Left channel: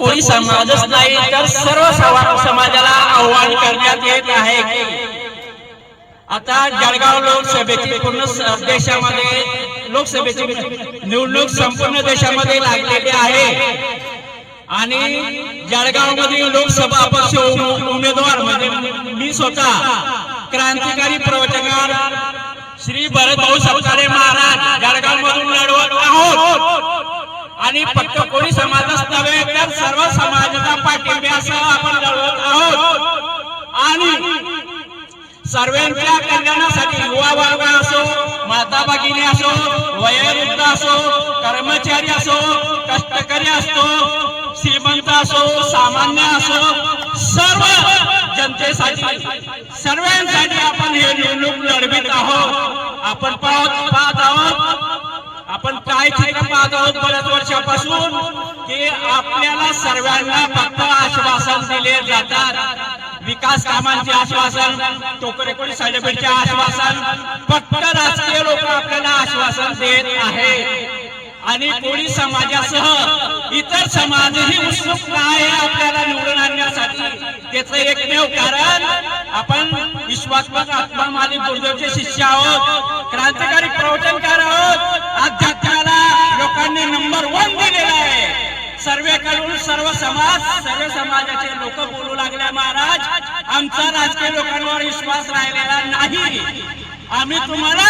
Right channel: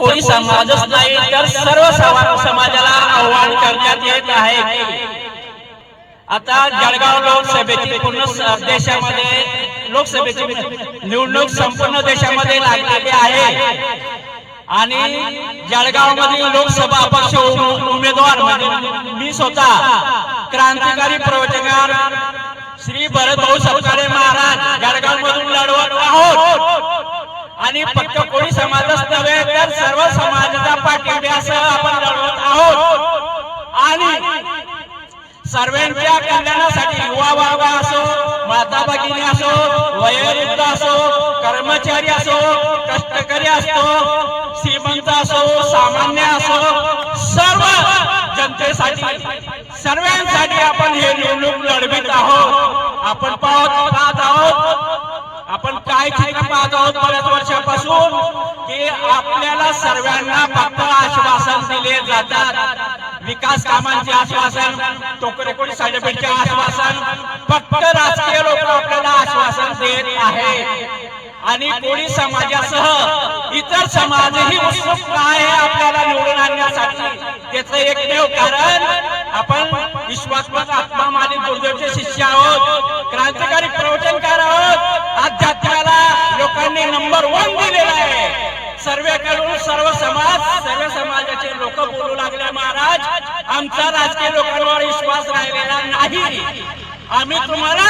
कोळी समाजच नाही तर सर्व समाजाला आव्हान करण्यात येत आहे. आता जळगाव लोकसभेची पूर्ण देशामध्ये लोकसभेची निवडणूक संपूर्ण देशामध्ये लागलेली आहे. आणि जळगाव मधील लोकसभा अपक्ष उमेदवार म्हणजे मी स्वतः क्रांतिकारी प्रवचकार श्री भरतभाऊ सपकारे महाराज जळगाव मधून लढवत आहोत. आणि फक्त कोणी समाज सर्वांच्या कल्याणासाठी युवा वर्ग असो माता भगिनी असो, वयोवृद्ध असो, कर्मचारी असो, कष्टकरी असतो श्रीमंत असो, सामान्य असो, सर्व जनतेसाठी, सर्वांसाठी आपण हे निवडणूक लढवित आहोत. आपण पाहत आहोत. आपण काय पाहत आहोत बऱ्याच वर्षापासून, की आपल्याला सर्वांना फक्त आश्वासन दिले जातात. विकास कामांचे आश्वासन टोकरेकोडी साडेबीडचे आश्वासन फक्त राजकीय लोक आपल्याला आश्वासन देत आहे आणि कोळी समाजासह इतर समाजही उत्सुक आहे आपल्याला निवडून आणण्यासाठी. त्याचं एकमेव कारण आपण विश्वात्मक आत्मा आणि गुरुदेवचे शिष्य आहोत क्रांतिकारी प्रवचनकार आहोत अध्यात्माला लोकांनी नंबर वन दिलेला आहे. सर्वेकडून सर्व समाज सर्व समाजाचे लोक बोलू लागले महाराज. आमचा राजकीय लोकांवर विश्वास राहिलेला नाही. आम्ही तुम्हाला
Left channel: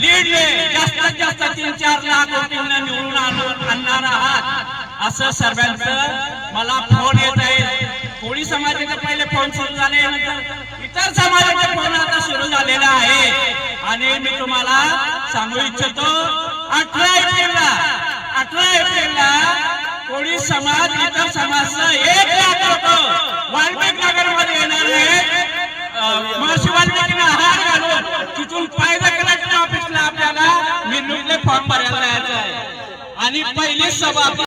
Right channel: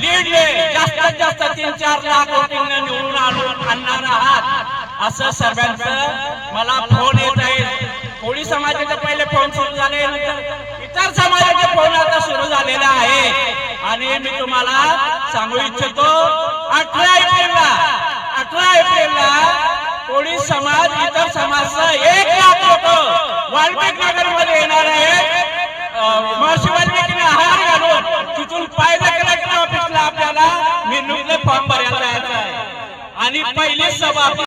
लीड जास्तीत जास्त तीन चार लाख वोटिंगने निवडून आणून आणणार आहात. असं सर्वांचं मला फोन येत आहे. कोळी समाजाचे पहिले फोन सुरू झाले नंतर इतर समाजाचे फोन आता सुरू झालेला आहे. आणि मी तुम्हाला सांगू इच्छितो अठरा एप्रिलला अठरा एप्रिलला कोळी समाज इतर समाजचा एक लाख लोक आणि पहिली सभा